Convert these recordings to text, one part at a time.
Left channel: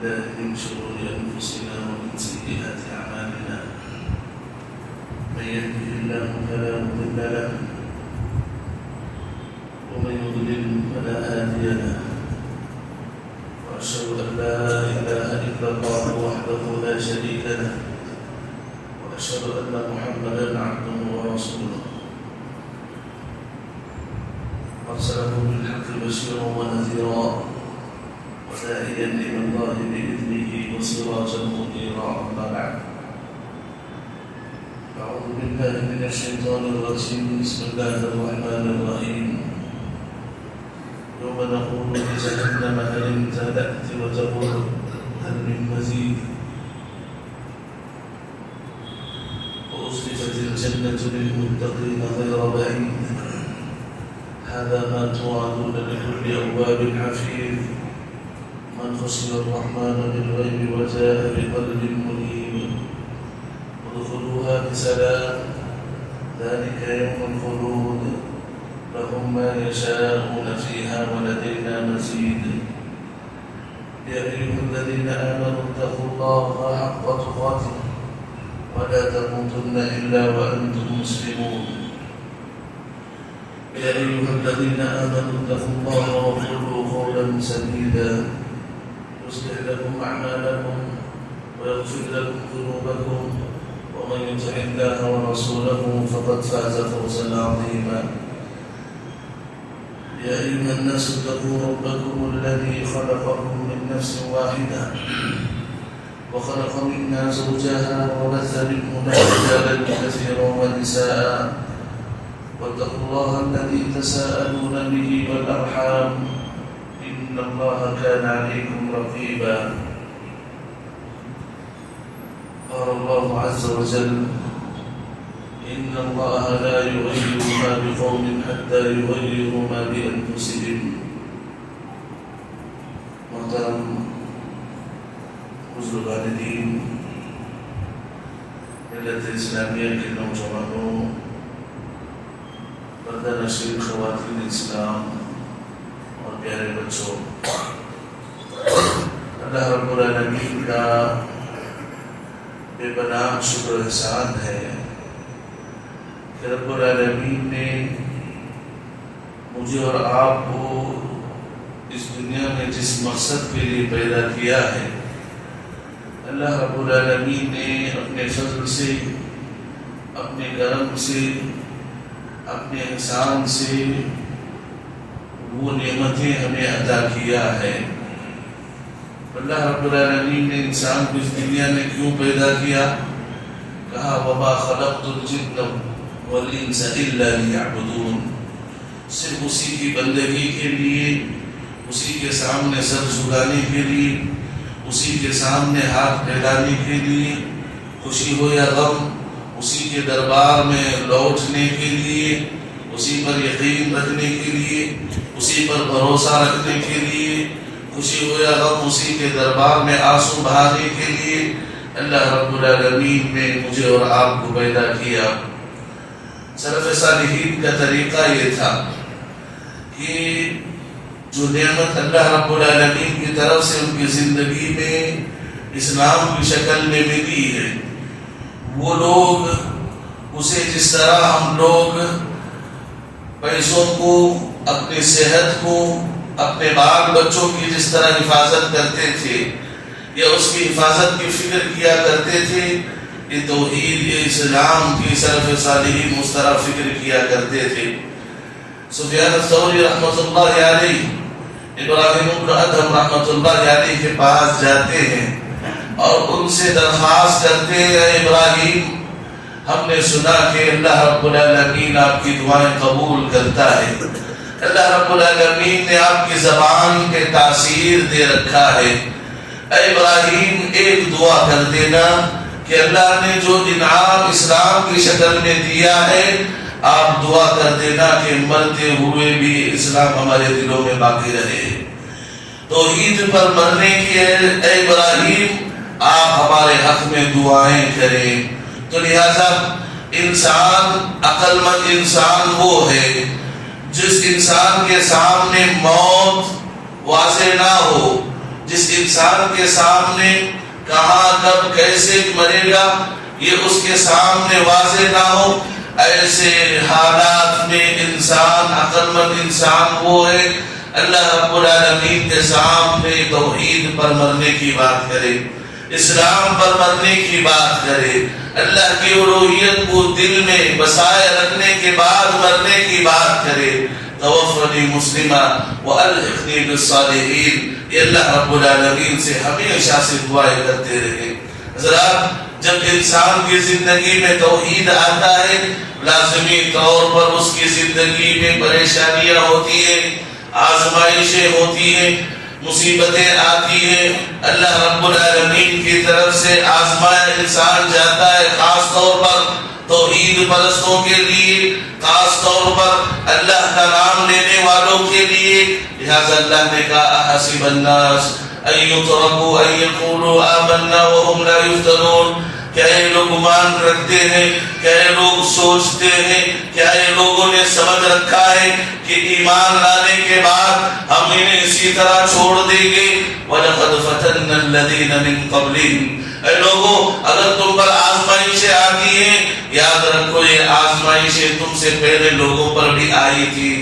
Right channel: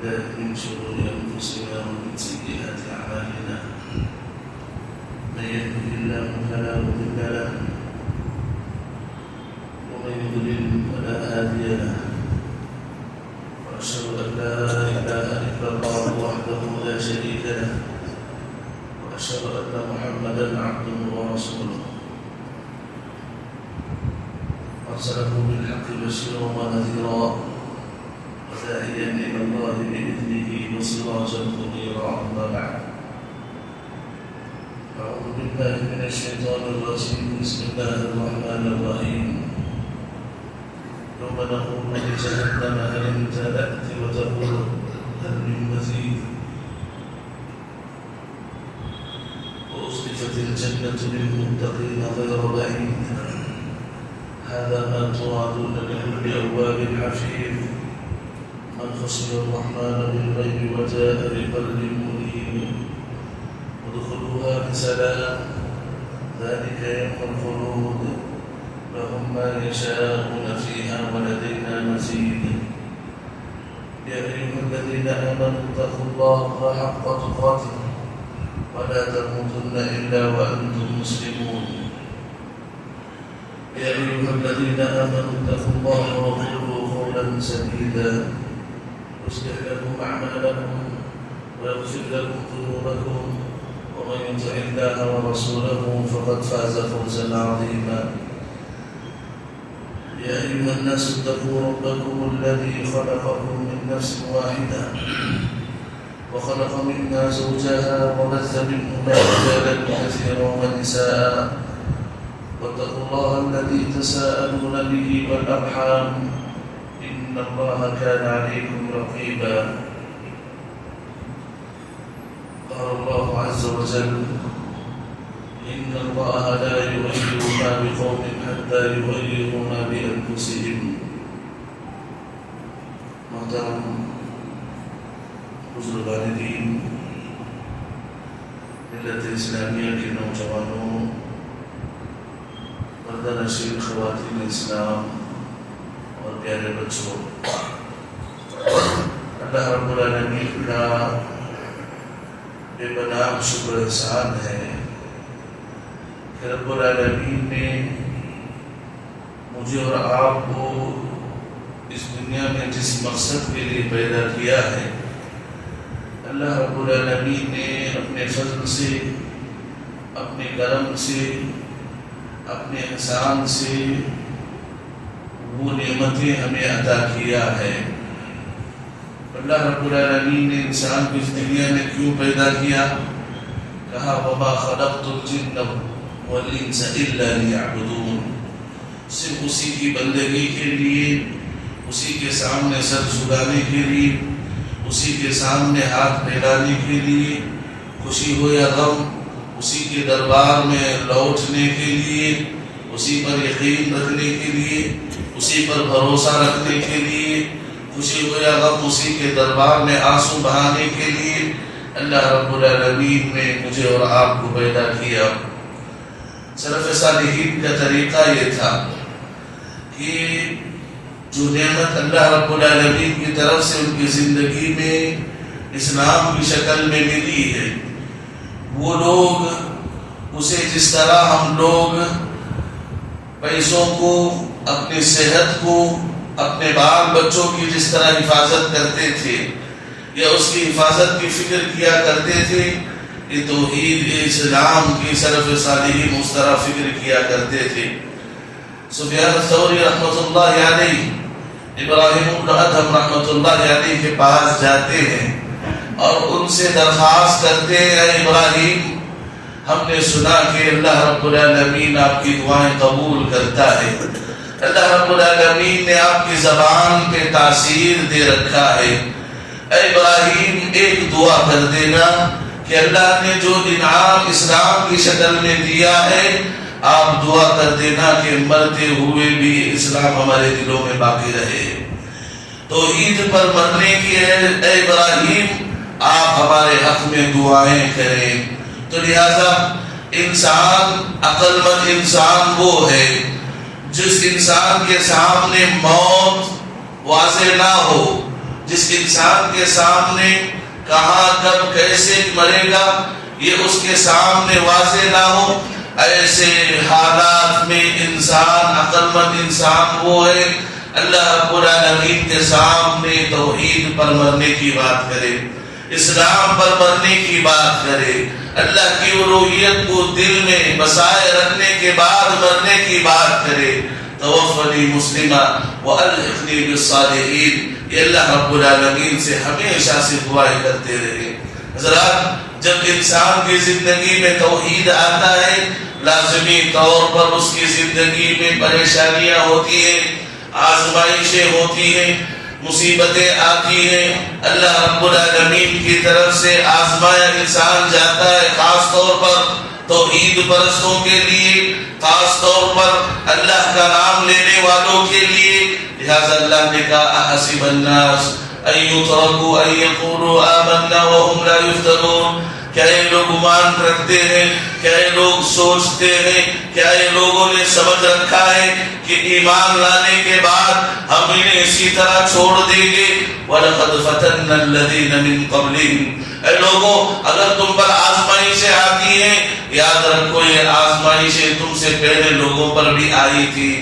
بالله من شرور أنفسنا ومن سيئات أعمالنا من يهده الله فلا مضل له ومن يضلل فلا هادي له وأشهد أن لا إله إلا الله وحده لا شريك له وأشهد أن محمدا عبده ورسوله أرسله بالحق بشيرا ونذيرا وداعيا إلى الله بإذنه وسراجا منيرا أما بعد أعوذ بالله من الشيطان الرجيم بسم الله الرحمن الرحيم يوم نقول لجهنم هل امتلأت وتقول هل من مزيد وأزلفت الجنة للمتقين غير بعيد هذا ما توعدون لكل أواب حفيظ من خشي الرحمن بالغيب وجاء بقلب منيب ادخلوها بسلام ذلك يوم الخلود لهم ما يشاءون فيها ولدينا مزيد يا أيها الذين آمنوا اتقوا الله حق تقاته ولا تموتن إلا وأنتم مسلمون يا أيها الذين آمنوا اتقوا الله وقولوا قولا سديدا يصلح لكم أعمالكم ويغفر لكم ذنوبكم ومن يطع الله ورسوله فقد فاز فوزا عظيما يا أيها الناس اتقوا ربكم الذي خلقكم من نفس واحدة وخلق منها زوجها وبث منهما رجالا كثيرا ونساء واتقوا الله الذي تساءلون به والأرحام إن الله كان عليكم رقيبا قال الله عز وجل إن الله لا يغير ما بقوم حتى يغيروا ما بأنفسهم محترم حضور الوالدين ملت اسلامیہ کے نوجوانوں پردہ نشین خواتین اسلام اور پیارے بچوں، اللہ رب العالمین کا بے پناہ شکر احسان ہے کہ رب العالمین نے مجھے اور آپ کو اس دنیا میں جس مقصد کے لیے پیدا کیا ہے، اللہ رب العالمین نے اپنے فضل سے، اپنے کرم سے، اپنے احسان سے وہ نعمتیں ہمیں عطا کیا ہے۔ اللہ رب العالمین نے انسان کو اس دنیا میں کیوں پیدا کیا؟ کہا وَمَا خَلَقْتُ الْجِنَّ وَالْإِنسَ إِلَّا لِيَعْبُدُونَ، صرف اسی کی بندگی کے لیے، اسی کے سامنے سر جھکانے کے لیے، اسی کے سامنے ہاتھ پھیلانے کے لیے، خوشی ہو یا غم اسی کے دربار میں لوٹنے کے لیے، اسی پر یقین رکھنے کے لیے، اسی پر بھروسہ رکھنے کے لیے، خوشی ہو یا غم اسی کے دربار میں آنسو بہانے کے لیے اللہ رب العالمین نے مجھے اور آپ کو پیدا کیا۔ سلف صالحین کا طریقہ یہ تھا کہ جو نعمت اللہ رب العالمین کی طرف سے ان کی زندگی میں اسلام کی شکل میں ملی ہے، وہ لوگ اسے جس طرح ہم لوگ پیسوں کو، اپنی صحت کو، اپنے بال بچوں کی جس طرح حفاظت کرتے تھے یا اس کی حفاظت کی فکر کیا کرتے تھے، یہ توحید اسلام کی سلف صالحین اس طرح فکر کیا کرتے تھے۔ سفیان الثوری رحمۃ اللہ علیہ، ابراہیم بن ادھم رحمۃ اللہ علیہ کے پاس جاتے ہیں اور ان سے درخواست کرتے ہیں، اے ابراہیم، ہم نے سنا کہ اللہ رب العالمین آپ کی دعائیں قبول کرتا ہے، اللہ رب العالمین نے آپ کی زبان پہ تاثیر دے رکھا ہے، اے ابراہیم ایک دعا کر دینا کہ اللہ نے جو انعام اسلام کی شکل میں دیا ہے، آپ دعا کر دینا کہ مرتے ہوئے بھی اسلام ہمارے دلوں میں باقی رہے، توحید پر مرنے کی اے ابراہیم آپ ہمارے حق میں دعائیں کریں۔ تو لہذا انسان، عقل مند انسان وہ ہے جس انسان کے سامنے موت واضح نہ ہو، جس انسان کے سامنے کہاں کب کیسے مرے گا یہ اس کے سامنے واضح نہ ہو، ایسے حالات میں انسان، عقل مند انسان وہ ہے اللہ رب العالمین کے سامنے توحید پر مرنے کی بات کرے، اسلام پر مرنے کی بات کرے، اللہ کی الوہیت کو دل میں بسائے رکھنے کے بعد مرنے کی بات کرے، توفنی مسلمہ والحقنی بالصالحین، یہ اللہ رب العالمین سے ہمیشہ سے دعائیں کرتے رہے۔ حضرات، جب انسان کی زندگی میں توحید آتا ہے لازمی طور پر اس کی زندگی میں پریشانیاں ہوتی ہیں، آزمائشیں ہوتی ہیں، مصیبتیں آتی ہیں، اللہ رب العالمین کی طرف سے آزمایا انسان جاتا ہے، خاص طور پر توحید پرستوں کے لیے، خاص طور پر اللہ کا نام لینے والوں کے لیے۔ لہذا اللہ نے کہا احسب الناس ان یترکوا ان یقولوا آمنا وهم لا یفتنون، کیا یہ لوگ گمان رکھتے ہیں، کیا یہ لوگ سوچتے ہیں، کیا یہ لوگوں نے سمجھ رکھا ہے کہ ایمان لانے کے بعد ہم انہیں اسی طرح چھوڑ دیں گے؟ وَلَقَدْ فَتَنَّا الَّذِينَ مِن قَبْلِهِمْ، اے لوگوں اگر تم پر آزمائشیں آتی ہیں یاد رکھو یہ آزمائشیں تم سے پہلے لوگوں پر بھی آئی تھی۔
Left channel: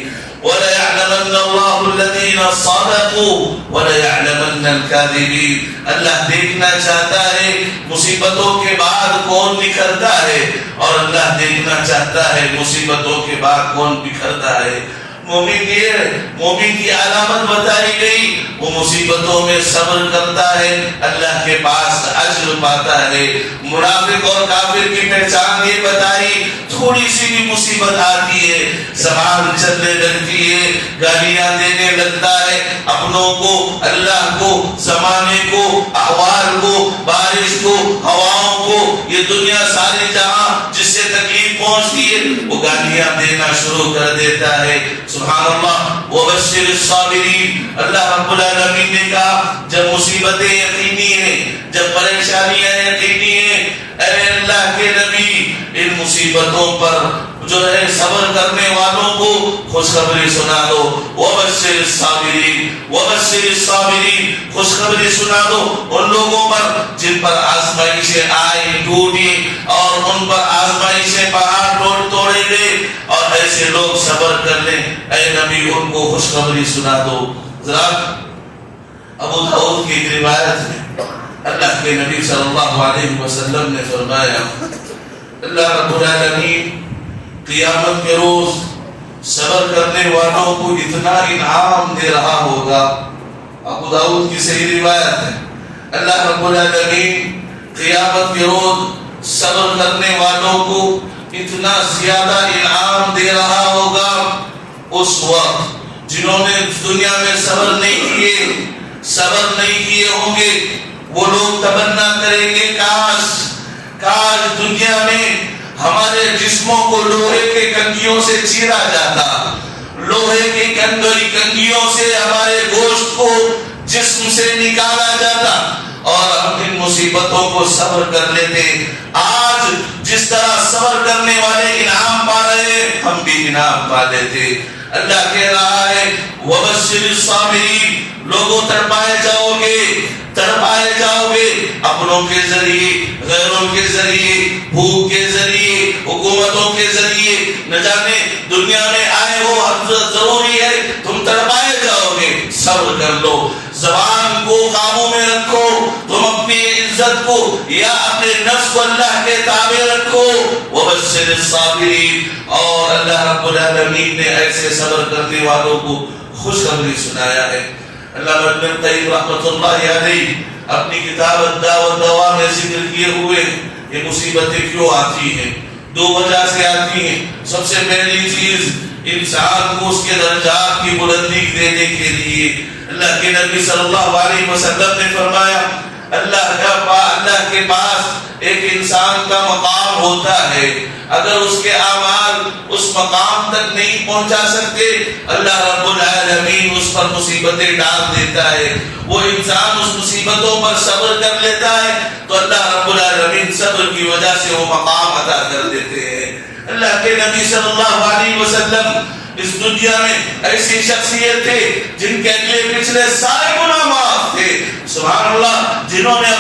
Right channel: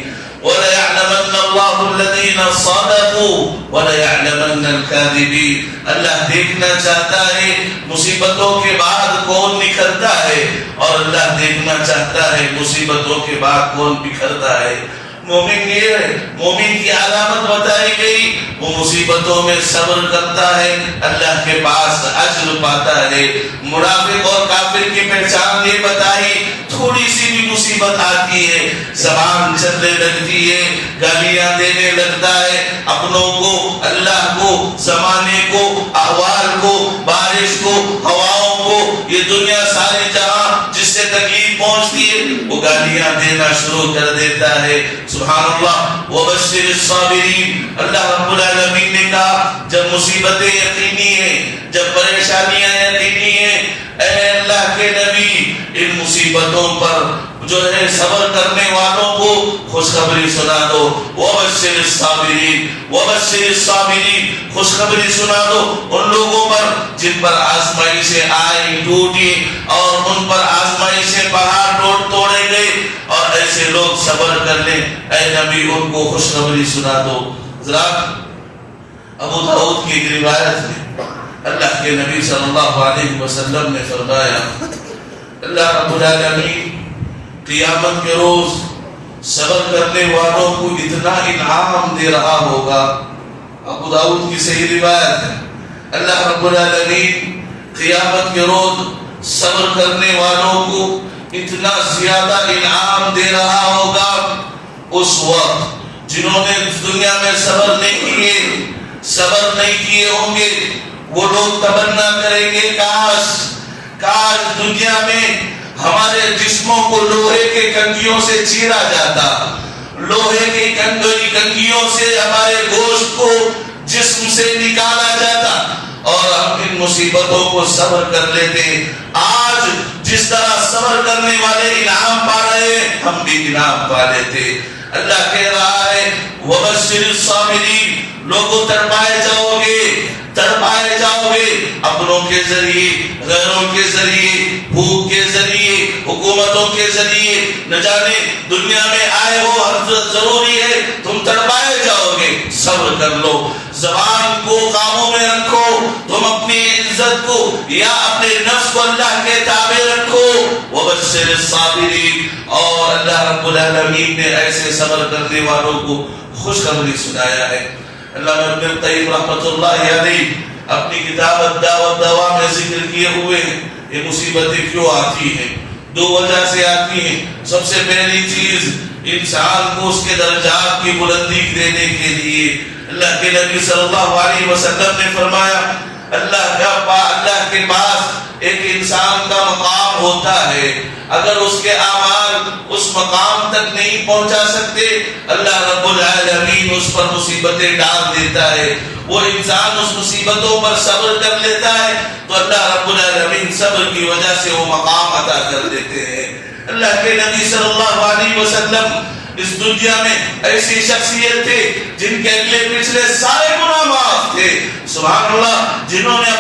وَلَيَعْلَمَنَّ اللَّهُ الَّذِينَ صَدَقُوا وَلَيَعْلَمَنَّ الْكَاذِبِينَ، اللہ دیکھنا چاہتا ہے مصیبتوں کے بعد کون نکھرتا ہے، اور اللہ دیکھنا چاہتا ہے مصیبتوں کے بعد کون بکھرتا ہے۔ مومن کی علامت بتائی گئی، وہ مصیبتوں میں صبر کرتا ہے، اللہ کے پاس اجر پاتا ہے۔ منافق اور کافر کی پہچان یہ بتائی، تھوڑی سی بھی مصیبت آتی ہے زبان چلنے لگتی ہے، گالیاں دینے لگتا ہے، اپنوں کو، اللہ کو، زمانے کو، احوال کو، بارش کو، ہواؤں کو، یہ دنیا سارے جہاں جس سے تکلیف پہنچتی ہے وہ گالیاں دینا شروع کر دیتا ہے۔ سبحان اللہ، وبشر الصابرین، اللہ رب العالمین نے کہا جب مصیبتیں یقینی ہیں، جب پریشانیاں یقینی ہیں، اے اللہ کے نبی ان مصیبتوں پر جو ہے صبر کرنے والوں کو خوشخبری سنا دو۔ وبشر الصابرین، وبشر الصابرین، خوشخبری سنا دو ان لوگوں پر جن پر آزمائشیں آئی ٹوٹی اور ان پر آزمائشیں پہاڑ توڑے گئے، اور ایسے لوگ صبر کر لیں، اے نبی ان کو خوشخبری سنا دو۔ ذرا ابو داؤد کی ایک روایت ہے، اللہ کے نبی صلی اللہ علیہ وسلم نے فرمایا اللہ رب العالمین قیامت کے روز صبر کرنے والوں کو اتنا انعام دے رہا ہوگا۔ ابو داؤد کی صحیح روایت ہے، اللہ رب العالمین قیامت کے روز صبر کرنے والوں کو اتنا زیادہ انعام دے رہا ہوگا۔ اس وقت جنہوں نے دنیا میں صبر نہیں کیے ہوں گے وہ لوگ تمنا کریں گے کاش دنیا میں ہمارے جسموں کو لوہے کے کنگیوں سے چیرا جاتا، لوہے کے کنگیوں سے ہمارے گوشت کو جسم سے نکالا جاتا اور ہم ان مصیبتوں کو صبر کر لیتے۔ آج جس طرح صبر کرنے والے انعام پا رہے ہیں ہم بھی انعام پا لیتے۔ اللہ کہہ رہا ہے وَبَشِّرِ الصَّابِرِينَ، لوگوں تڑپائے جاؤ گے اپنوں کے ذریعے، غیروں کے ذریعے، بھوک کے ذریعے، حکومتوں کے ذریعے، نہ جانے دنیا میں آئے ہو ضروری ہے تم تڑپائے جاؤ گے، صبر کر لو، زبان کو قابو میں رکھو، تم اپنی عزت کو یا اپنے نفس کو اللہ کے تابع رکھو۔ وَبَشِّرِ الصَّابِرِينَ، اور اللہ رب العالمین نے ایسے صبر کرنے والوں کو خوشخبری سنایا ہے۔ علامہ ابن القیم رحمۃ اللہ علیہ اپنی کتاب الداء والدواء میں ذکر کیے ہوئے یہ مصیبتیں کیوں آتی ہیں، دو وجہ سے آتی ہیں۔ سب سے پہلی چیز انسان کو اس کے درجات کی بلندی دینے کے لیے اللہ کے نبی صلی اللہ علیہ وسلم نے فرمایا اللہ کے پاس ایک انسان کا مقام ہوتا ہے، اگر اس کے اعمال اس مقام تک نہیں پہنچا سکتے اللہ رب العالمین اس پر مصیبتیں ڈال دیتا ہے، وہ انسان اس مصیبتوں پر صبر کر لیتا ہے تو اللہ رب العالمین صبر کی وجہ سے وہ مقام عطا کر دیتے ہیں۔ اللہ کے نبی صلی اللہ علیہ وسلم اس دنیا میں ایسی شخصیت تھے جن کے اگلے پچھلے سارے گناہ معاف تھے، سبحان اللہ، جنہوں نے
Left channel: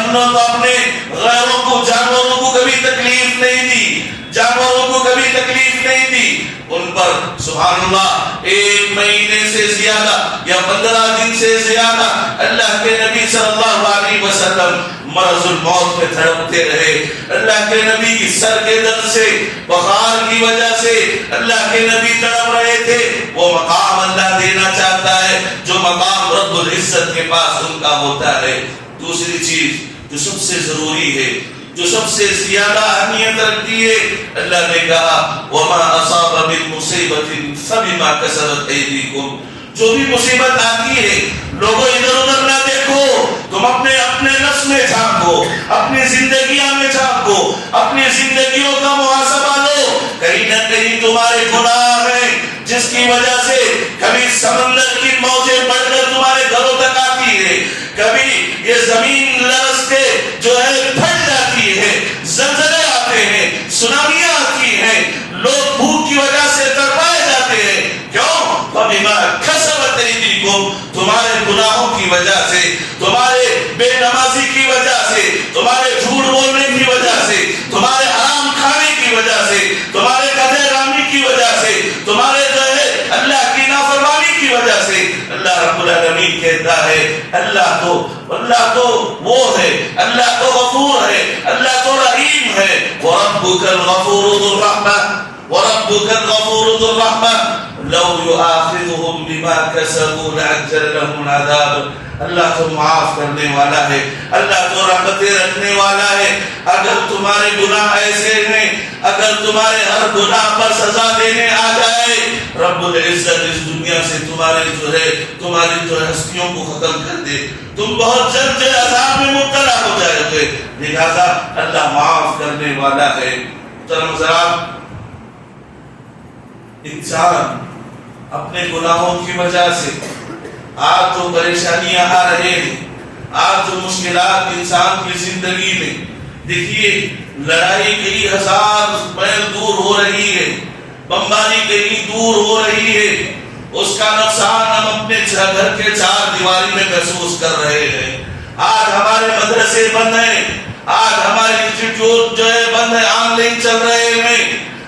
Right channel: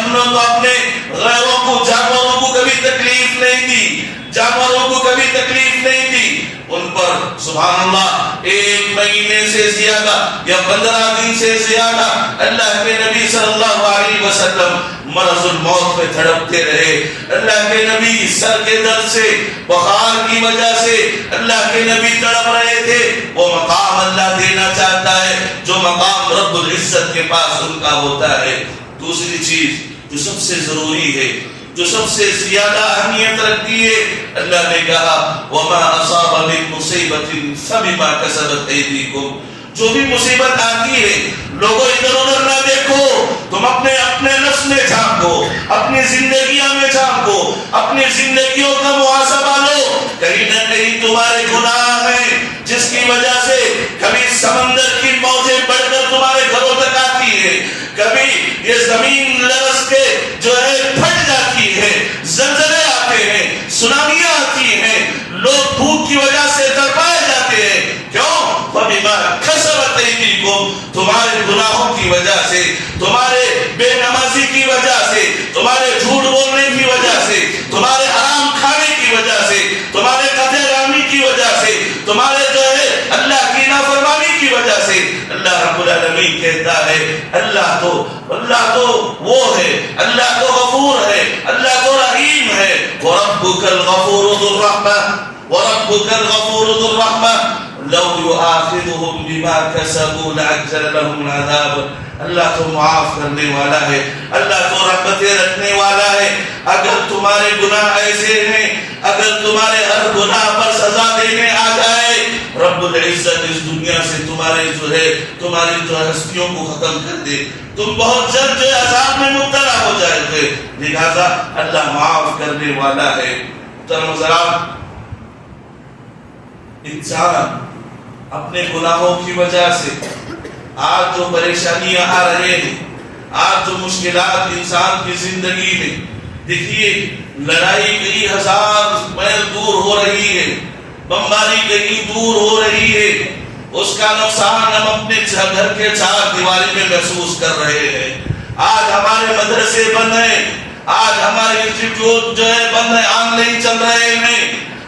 اپنے غیروں کو، جانوروں کو کبھی تکلیف نہیں دی، جانوروں کو کبھی تکلیف نہیں دی، ان پر سبحان اللہ 1 مہینے سے زیادہ یا 15 دن سے زیادہ اللہ کے نبی صلی اللہ علیہ وسلم مرض الموت میں تڑپتے رہے۔ اللہ کے نبی سر کے درد سے، بخار کی وجہ سے اللہ کے نبی تڑپ رہے تھے۔ وہ مقام اللہ دینا چاہتا ہے جو مقام رب العزت کے پاس ان کا ہوتا ہے۔ دوسری چیز جو سب سے ضروری ہے، جو سب سے زیادہ اہمیت رکھتی ہے، اللہ نے کہا وَمَا أَصَابَ مِن مُصِيبَةٍ فَبِمَا كَسَبَتْ أَيْدِيكُمْ۔ جو بھی مصیبت آتی ہے لوگوں ادھر ادھر نہ دیکھو، تم اپنے نفس میں جھانکو، اپنی زندگیوں میں جھانکو، اپنی زندگیوں کا محاسبہ لو، کہیں نہ کہیں تمہارے گناہ ہیں جس کی وجہ سے کبھی سمندر کی موجیں بڑھ کر تمہارے گھروں تک آتی ہے، کبھی یہ زمین لرز کے جو ہے پھٹ جاتی ہے، زلزلے آتے ہیں، سونامیاں آتی ہیں، لوگ بھوک کی وجہ سے تڑپائے جاتے ہیں۔ کیوں؟ فَبِمَا كَسَبَتْ أَيْدِيكُمْ، تمہارے گناہوں کی وجہ سے، تمہارے بے نمازی کی وجہ سے، تمہارے جھوٹ بولنے کی وجہ سے، تمہارے حرام کھانے کی وجہ سے، تمہارے قتل عامی کی وجہ سے، تمہارے جو ہے اللہ کی نافرمانی کی وجہ سے۔ اللہ رب العالمین کہتا ہے اللہ تو وہ ہے، اللہ تو غفور ہے، اللہ تو رحیم ہے۔ وَرَبُّكَ الْغَفُورُ ذُو الرَّحْمَةِ وَرَبُّكَ الْغَفُورُ ذُو الرَّحْمَةِ لَوْ يُؤَاخِذُهُمْ بِمَا كَسَبُوا لَعَجَّلَ لَهُمُ الْعَذَابَ۔ اللہ تو معاف کرنے والا ہے، اللہ تو رحمتیں رکھنے والا ہے۔ اگر تمہارے گناہ ایسے ہیں، اگر تمہارے ہر گناہ پر سزا دینے آ جائے، رب العزت اس دنیا سے تمہاری ہستیوں کو ختم کر دے، تم بہت جلد عذاب میں مبتلا ہو جائے گے۔ لہذا اللہ معاف کرنے والا ہے۔ محترم، انسان اپنے گناہوں کی وجہ سے آج جو پریشانیاں آ رہے ہیں، آج جو مشکلات انسان کی زندگی میں، دیکھیے لڑائی کئی 1000 میل دور ہو رہی ہے، بمباری کہیں دور ہو رہی ہے، اس کا نقصان ہم اپنے گھر کے 4 دیواری میں محسوس کر رہے ہیں۔ آج ہمارے مدرسے بند ہیں، آج ہمارے انسٹیٹیوٹ جو ہے بند ہیں، آن لائن چل رہے ہیں۔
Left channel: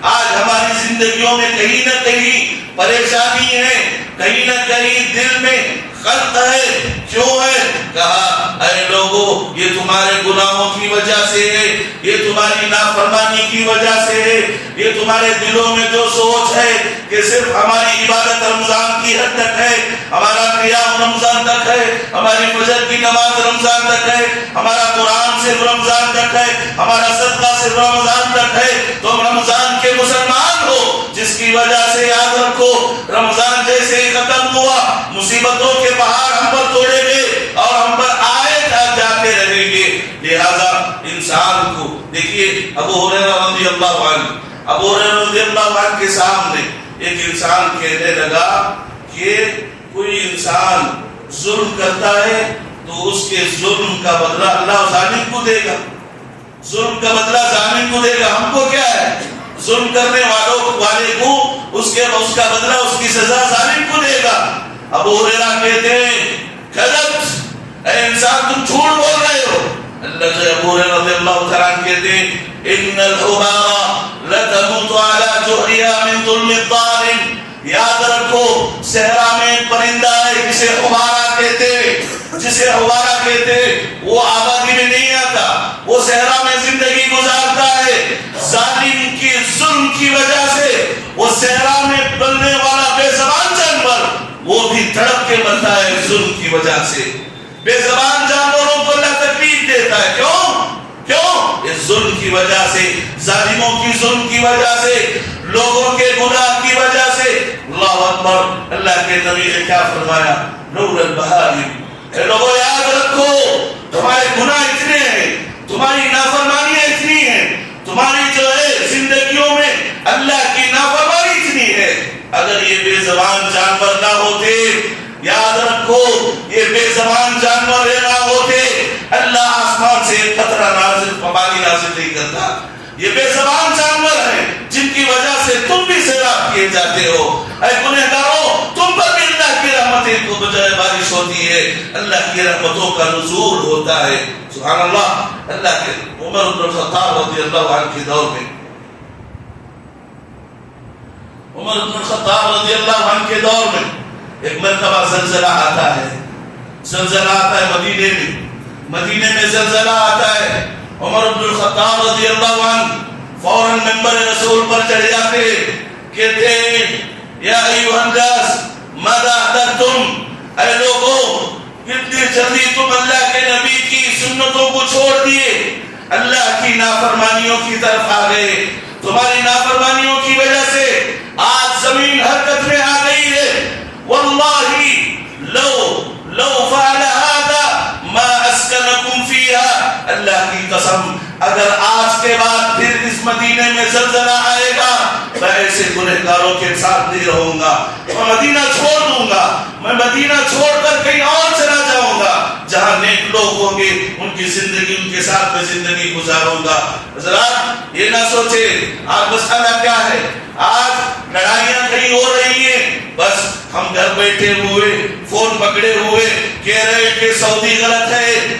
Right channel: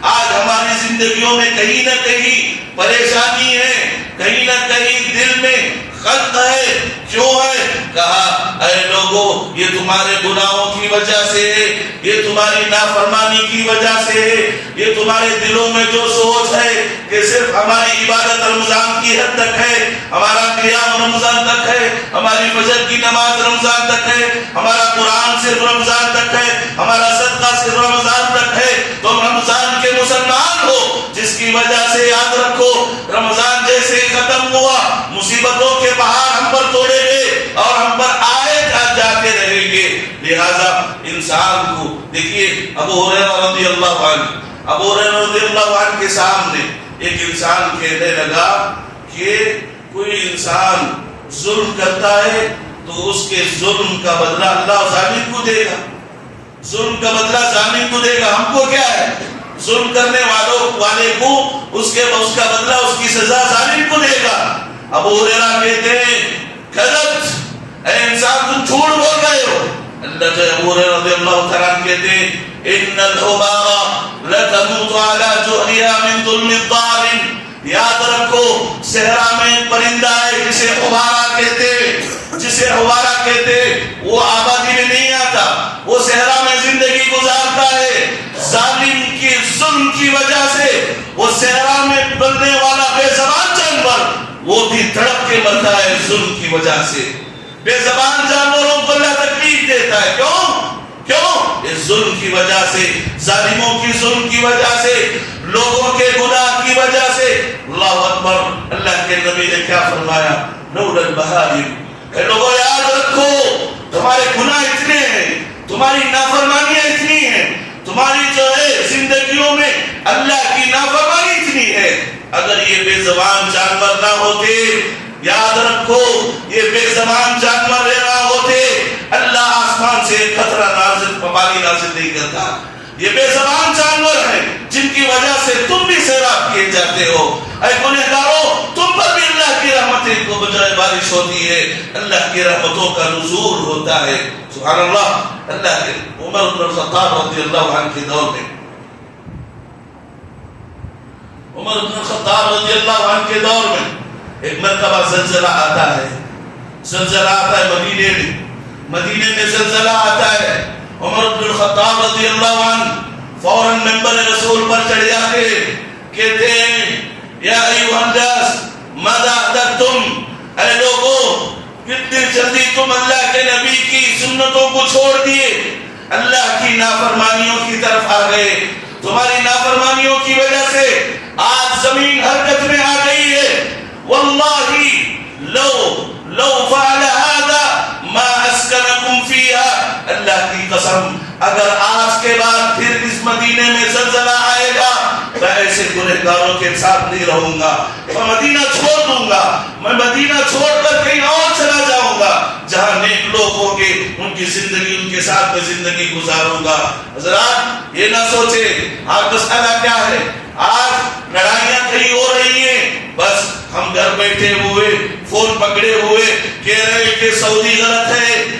آج ہماری زندگیوں میں کہیں نہ کہیں پریشانی ہے، کہیں نہ کہیں دل میں خلق ہے۔ کیوں ہے؟ کہا اے لوگوں، یہ تمہارے گناہوں کی وجہ سے ہے، یہ تمہاری نافرمانی کی وجہ سے ہے، یہ تمہارے دلوں میں جو سوچ ہے کہ صرف ہماری عبادت رمضان کی حد تک ہے، ہمارا قیام رمضان تک ہے، ہماری فجر کی نماز رمضان تک ہے، ہمارا قرآن صرف رمضان تک ہے، ہمارا صدقہ صرف رمضان تک ہے، تم رمضان کے مسلمان ہو، جس کی وجہ سے یاد رکھو رمضان جیسے ہی ختم ہوا مصیبتوں کے پہاڑ ہم پر توڑے گئے اور ہم پر آئے جاتے رہیں گے۔ لہذا انسان کو دیکھیے ابو ہریرہ رضی اللہ عنہ کے سامنے ایک انسان کہنے لگا کہ کوئی انسان ظلم کرتا ہے تو اس کے ظلم کا بدلہ اللہ ظالم کو دے گا، ظلم کا بدلہ ظالم کو دے گا۔ ہم کو کیا ہے؟ ظلم کرنے والے کو اس کا بدلہ، اس کی سزا ظالم کو دے گا۔ ابو ہریرہ کہتے ہیں غلط، اے انسان تم جھوٹ بول رہے ہو۔ اللہ جو ابو ہریرہ رضی اللہ تعالیٰ عنہ کہتے ہیں ان الحبار لتموت على جهرها من ظلم الظالم۔ یاد رکھو صحرا میں ایک پرندہ ہے جسے حبارہ کہتے، وہ آبادی میں نہیں آتا، وہ صحرا میں زندگی گزارتا ہے۔ ظالم کی ظلم کی وجہ سے وہ صحرا میں بننے والا بے زبان جانور وہ بھی تڑپ کے مرتا ہے ظلم کی وجہ سے۔ بے زبان جانوروں کو اللہ تکلیف دیتا ہے، کیوں؟ اس ظلم کی وجہ سے، ظالموں کی ظلم کی وجہ سے، لوگوں کے گناہ کی وجہ سے۔ اللہ اکبر، اللہ کے نبی نے کیا فرمایا؟ لولا البہائم، اے لوگوں یاد رکھو تمہارے گناہ اتنے ہیں، تمہاری نافرمانیاں اتنی ہیں، تمہاری جو ہے زندگیوں میں اللہ کی نافرمانی اتنی ہے۔ اگر یہ بے زبان جانور نہ ہوتے، یاد رکھو یہ بے زبان جانور نہ ہوتے، اللہ آسمان سے قطرہ پانی نازل نہیں کرتا، یہ بے زبان جانور ہیں جن کی وجہ سے تم بھی سیراب کیے جاتے ہو. اے گنہگاروں، تم پر بھی اللہ کی رحمتیں کو بجائے بارش ہوتی ہے، اللہ کی رحمتوں کا نزول ہوتا ہے. سبحان اللہ. اللہ کے عمر بن الخطاب رضی اللہ عنہ کے دور میں، عمر بن الخطاب رضی اللہ عنہ کے دور میں ایک مرتبہ زلزلہ آتا ہے. زلزلہ آتا ہے مدینے میں زلزلہ آتا ہے. عمر بن الخطاب رضی اللہ عنہ فوراً ممبر رسول پر چڑھ جاتے، کہتے ہیں یا ایھا الناس ماذا احدثتم، اے لوگوں کتنی جلدی تم اللہ کے نبی کی سنتوں کو چھوڑ دیے، اللہ کی نافرمانیوں کی طرف آ گئے. تمہاری نافرمانیوں کی وجہ سے آج زمین حرکت میں آ گئی ہے. واللہ لو فعل هذا ما اسکنکم فیہا، اللہ کی قسم اگر آج کے بعد پھر اس مدینے میں زلزلہ آئے گا میں ایسے گنہگاروں کے ساتھ نہیں رہوں گا، میں مدینہ چھوڑ دوں گا، میں مدینہ چھوڑ کر کہیں اور چلا جاؤں گا جہاں نیک لوگ ہوں گے، ان کی زندگی ان کے ساتھ میں زندگی گزاروں گا. حضرات یہ نہ سوچے آج مسئلہ کیا ہے، آج لڑائیاں کہیں ہو رہی ہیں، بس ہم گھر بیٹھے ہوئے فون پکڑے ہوئے کہہ رہے کہ سعودی غلط ہے،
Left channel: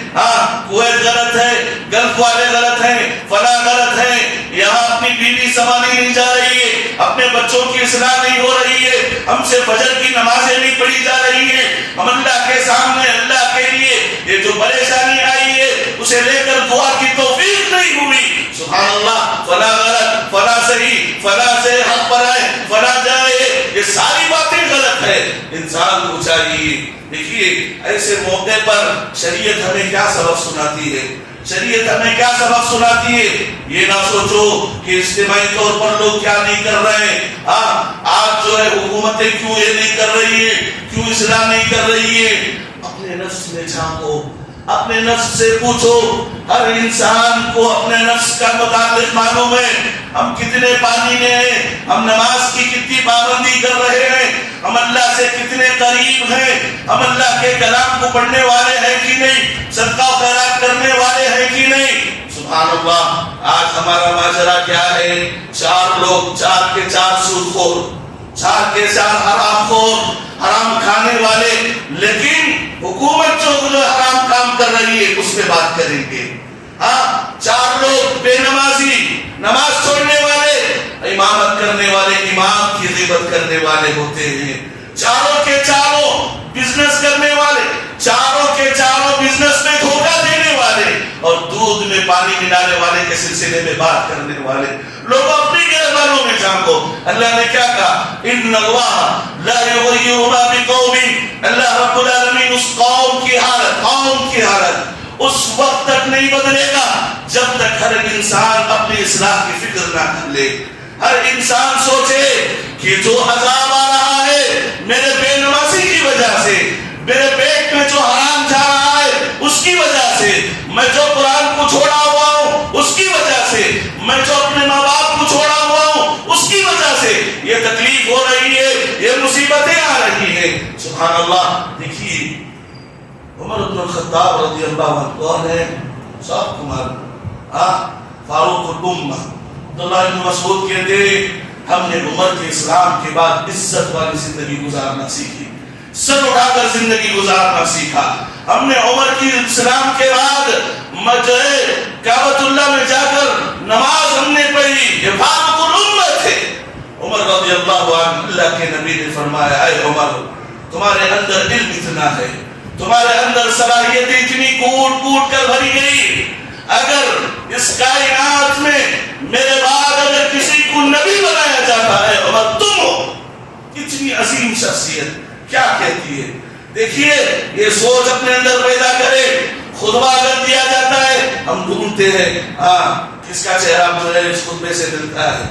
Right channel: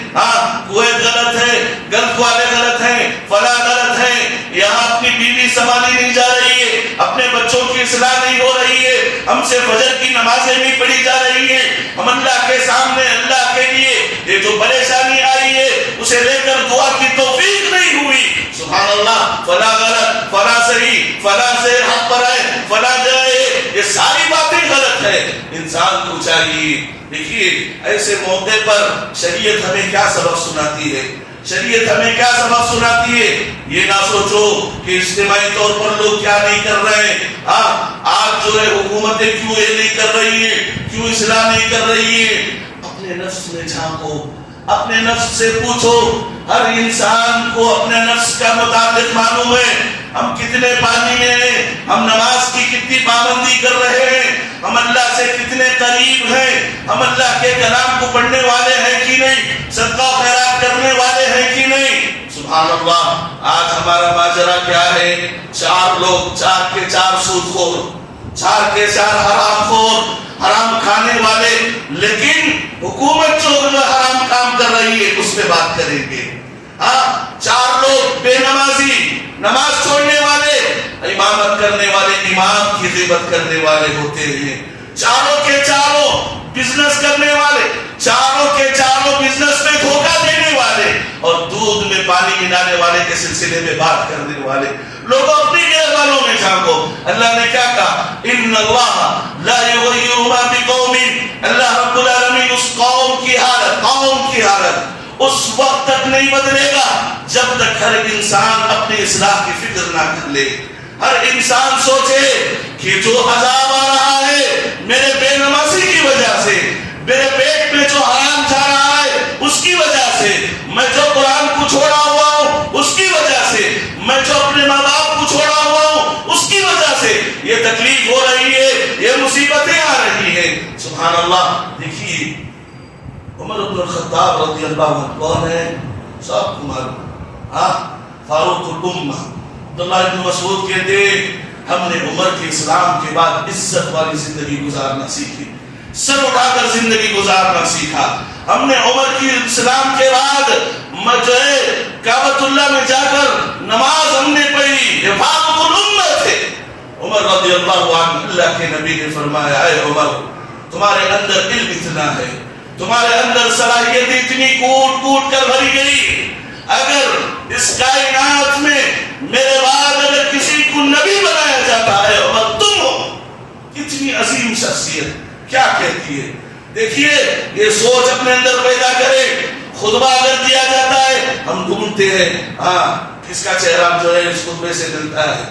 کویت غلط ہے، گلف والے غلط ہیں، فلاں غلط ہیں، یہاں اپنی بیوی سنبھالی نہیں جا رہی ہے، اپنے بچوں کی اصلاح نہیں ہو رہی ہے، ہم سے فجر کی نمازیں نہیں پڑھی جا رہی ہیں، ہم اللہ کے سامنے اللہ کے لیے یہ جو پریشانی آئی ہے اسے لے کر دعا کی توفیق نہیں ہوئی. سبحان اللہ. فلاں غلط، فلاں صحیح، فلاں سے حق پر ہے، فلاں جائے، یہ ساری باتیں غلط ہے. انسان کو چاہیے، دیکھیے ایسے موقع پر شریعت ہمیں کیا سبق سناتی ہے، شریعت ہمیں کیا سبق سناتی ہے. یہ نہ سوچو کہ اجتماعی طور پر لوگ کیا نہیں کر رہے ہیں، آج جو ہے حکومتیں کیوں یہ نہیں کر رہی ہیں، کیوں اصلاح نہیں کر رہی ہیں. اپنے نفس میں جھانکو، اپنے نفس سے پوچھو. ہر انسان کو اپنے نفس کا متعلق معلوم ہے، ہم کتنے پانی میں ہیں، ہم نماز کی کتنی پابندی کر رہے ہیں، ہم اللہ سے کتنے قریب ہیں، ہم اللہ کے کلام کو پڑھنے والے ہیں کہ نہیں، صدقہ و خیرات کرنے والے ہیں کہ نہیں. سبحان اللہ. آج ہمارا ماجرا کیا ہے، چار لوگ، چار کے چار سود خور، چار کے چار حرام خور، حرام کھانے والے، لیکن حکومت جو حرام کام کر رہی ہے اس پہ بات کریں گے. چار لوگ بے نمازی، نماز چھوڑنے والے، امامت کرنے والے امام کی غیبت کرنے والے ہوتے ہیں. چاروں کے چاروں بزنس کرنے والے، چاروں کے چاروں بزنس میں دھوکہ دینے والے اور دودھ میں پانی ملانے والے کے سلسلے میں بات کرنے والے. لوگ اپنی گھر والوں میں جھانکو. اللہ نے کیا کہا، ان اللہ لا یغیر ما بقوم، اللہ رب العالمین اس قوم کی حالت اس وقت تک نہیں بدلے گا جب تک ہر انسان اپنی اصلاح کی فکر نہ کر لے. ہر انسان سوچے کہ جو عذاب آ رہا ہے میرے بے نمازی کی وجہ سے، میرے پیٹ میں جو حرام جا رہا ہے اس کی وجہ سے، میں جو قرآن کو چھوڑا ہوا ہوں اس کی وجہ سے، میں جو اپنے ماں باپ کو چھوڑا ہوا ہوں اس کی وجہ سے یہ تکلیف ہو رہی ہے، یہ مصیبتیں آ رہی ہیں. سبحان اللہ. دیکھیے عمر بن الخطاب رضی اللہ عنہ کون ہے، سب تمہارا فاروق الامہ. عبداللہ بن مسعود کہتے ہم نے عمر کے اسلام کے بعد عزت والی زندگی گزارنا سیکھی، سر اٹھا کر زندگی گزارنا سیکھا. ہم نے عمر کی اسلام کے بعد کعبۃ اللہ میں جا کر نماز ہم نے پڑھی، یہ فاروق الامہ تھے. عمر رضی اللہ عنہ، اللہ کے نبی نے فرمایا اے عمر تمہارے اندر علم اتنا ہے، تمہارے اندر صلاحیت اتنی کوٹ کوٹ کر بھری گئی، اگر اس کائنات میں میرے بعد اگر کسی کو نبی بنایا جاتا ہے عمر تم ہو. کتنی عظیم شخصیت کیا کہتی ہے. دیکھیے یہ سوچ اپنے اندر پیدا کرے. خطبہ کر دیا جاتا ہے، ہم ڈھونڈتے ہیں کس کا چہرہ جو ہے اس خطبے سے ملتا ہے.